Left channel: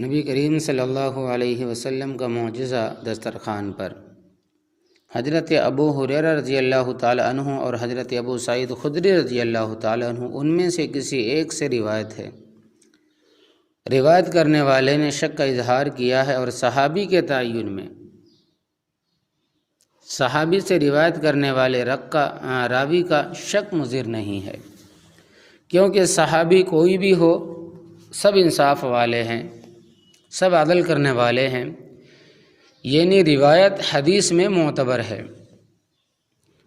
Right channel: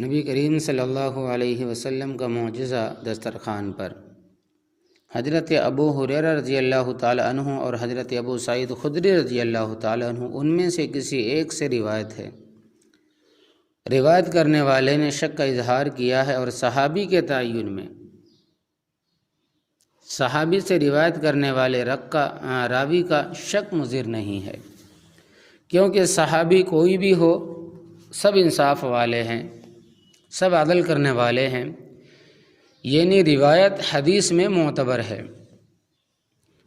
نبی کریم صلی اللہ علیہ وسلم کا معجزہ دسترخوان پر۔ حضرت ابو ہریرہ رضی اللہ تعالی عنہ اور حضرت ابو سعید خدری رضی اللہ تعالی عنہ ان میں سے کسی ایک سے روایت ہے۔ روایت کرنے والے نے شک کا اظہار کیا ہے، اور صحابی کے تعین میں صحابی سے روایت کرنے والے راوی کا شک مضر نہیں ہے، کیونکہ صحابی کوئی بھی ہو سب انصاف والے ہیں، سب عدل کرنے والے ہیں، یعنی روایت حدیث میں معتبر ہے۔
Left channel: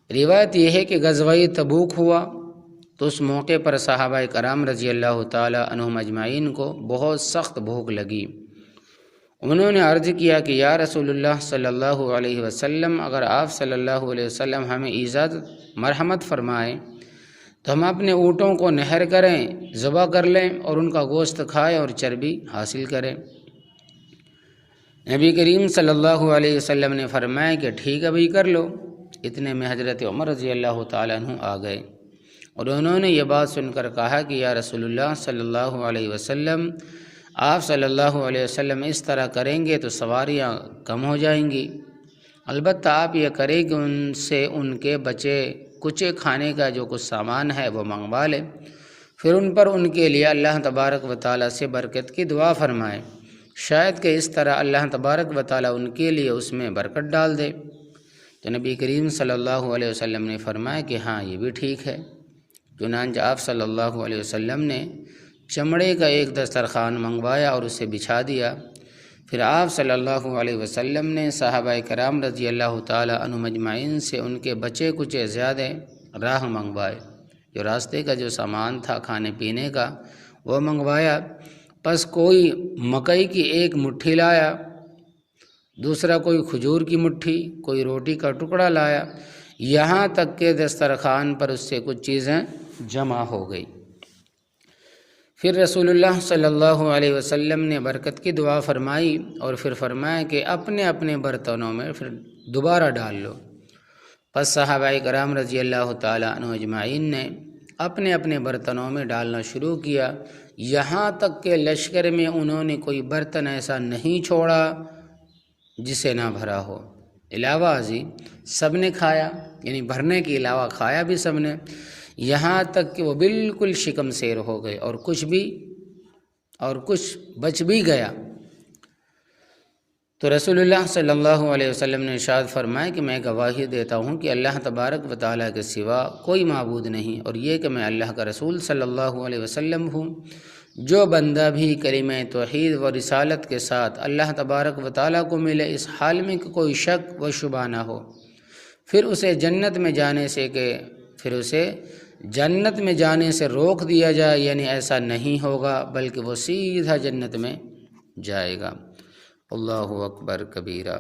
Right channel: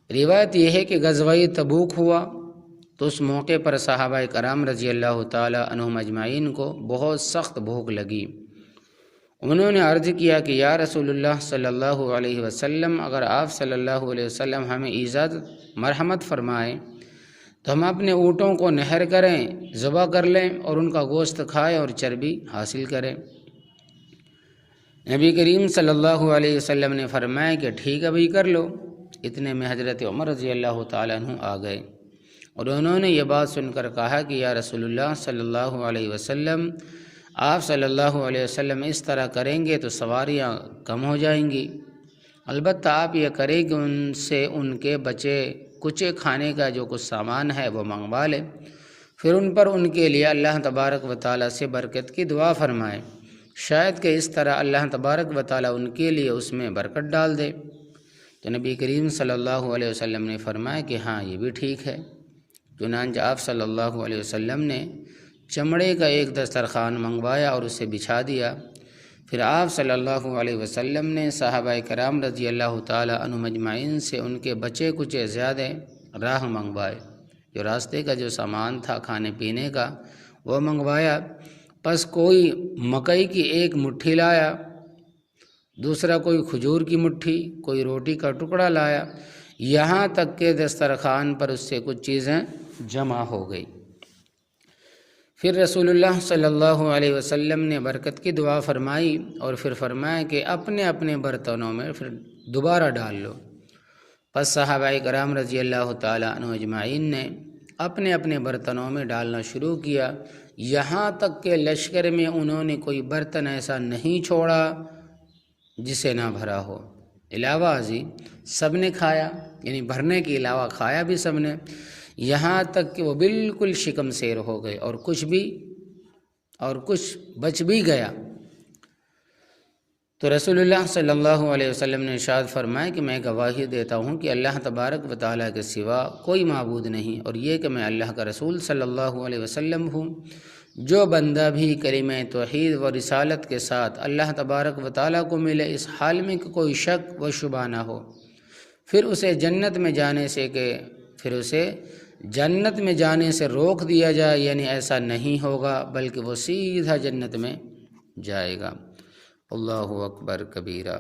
روایت یہ ہے کہ غزوہ تبوک ہوا تو اس موقع پر صحابہ کرام رضی اللہ تعالی عنہم اجمعین کو بہت سخت بھوک لگی۔ انہوں نے عرض کیا کہ یا رسول اللہ صلی اللہ علیہ وسلم، اگر آپ صلی اللہ علیہ وسلم ہمیں اجازت مرحمت فرمائیں تو ہم اپنے اونٹوں کو نہر کریں، ذبح کر لیں اور ان کا گوشت کھائیں اور چربی حاصل کریں۔ نبی کریم صلی اللہ علیہ وسلم نے فرمایا کہ ٹھیک ہے بھائی، کر لو۔ اتنے میں حضرت عمر رضی اللہ تعالیٰ عنہ آ گئے اور انہوں نے یہ بات سن کر کہا کہ یا رسول اللہ صلی اللہ علیہ وسلم، آپ صلی اللہ علیہ وسلم اس طرح کریں گے تو سواریاں کم ہو جائیں گی، البتہ آپ یہ کریں کہ ان سے ان کے بچے کچے کھانے کا جو کچھ سامان ہے وہ منگوا لیں، پھر ان پر ان کے لیے اللہ تبارک و تعالیٰ سے برکت کی دعا فرمائیں، شاید کہ اس طرح اللہ تبارک و تعالیٰ ان کے لیے اس میں برکت ڈال دے۔ تو نبی کریم صلی اللہ علیہ وسلم نے فرمایا کہ ہاں یہ بھی ٹھیک ہے۔ چنانچہ آپ صلی اللہ علیہ وسلم نے چمڑے کا ایک دسترخوان منگوایا اور اسے بچھا دیا۔ پھر آپ صلی اللہ علیہ وسلم نے صحابہ کرام رضی اللہ تعالی عنہم اجمعین سے ان کے بچے کچے زیادہ راہ منگوائے، جو راستے کا جو سامان تھا کھانے پینے کا وہ منگوایا۔ پس کوئی مکئی کی ایک مٹھی لایا، دوسرا کوئی کھجور کی مٹھی، کوئی روٹی کا ٹکڑا لایا، یہاں تک کہ دسترخوان پر اس سے کچھ چیزیں جمع ہو گئی۔ پھر رسول اللہ صلی اللہ علیہ وسلم نے برکت کی دعا فرمائی اور پھر فرمایا کہ اپنے اپنے برتنوں میں پھر دوبارہ ڈال لو۔ پس صحابہ کرام رضی اللہ تعالی عنہ اجمعین نے اپنے اپنے برتنوں میں ڈالنا شروع کیا، یہاں تک کہ لشکر میں انہوں نے کوئی برتن ایسا نہیں چھوڑا جسے نہ بھرا ہو۔ علاوہ ازیں سب نے کھایا، یعنی بھرنے کے علاوہ کھایا بھی سب نے، یہاں تک کہ وہ بالکل شکم سیر ہو گئے اور کچھ بچ بھی گیا۔ تو رسول اللہ صلی اللہ علیہ وسلم نے ارشاد فرمایا کہ میں گواہی دیتا ہوں کہ اللہ تبارک و تعالیٰ کے سوا کوئی معبود نہیں، اور یہ کہ میں اللہ کا رسول صلی اللہ علیہ وسلم ہوں۔ جو بندہ بھی کلمہ توحید و رسالت کے ساتھ اللہ تبارک و تعالیٰ کو ملے، اس حال میں کہ کوئی شک و شبہ نہ ہو، پھر اسے جنت میں جانے سے روک دیا جائے، یعنی ایسا نہیں ہوگا بلکہ وہ سیدھا جنت میں جائے گا۔ اللہ اکبر کبیرہ۔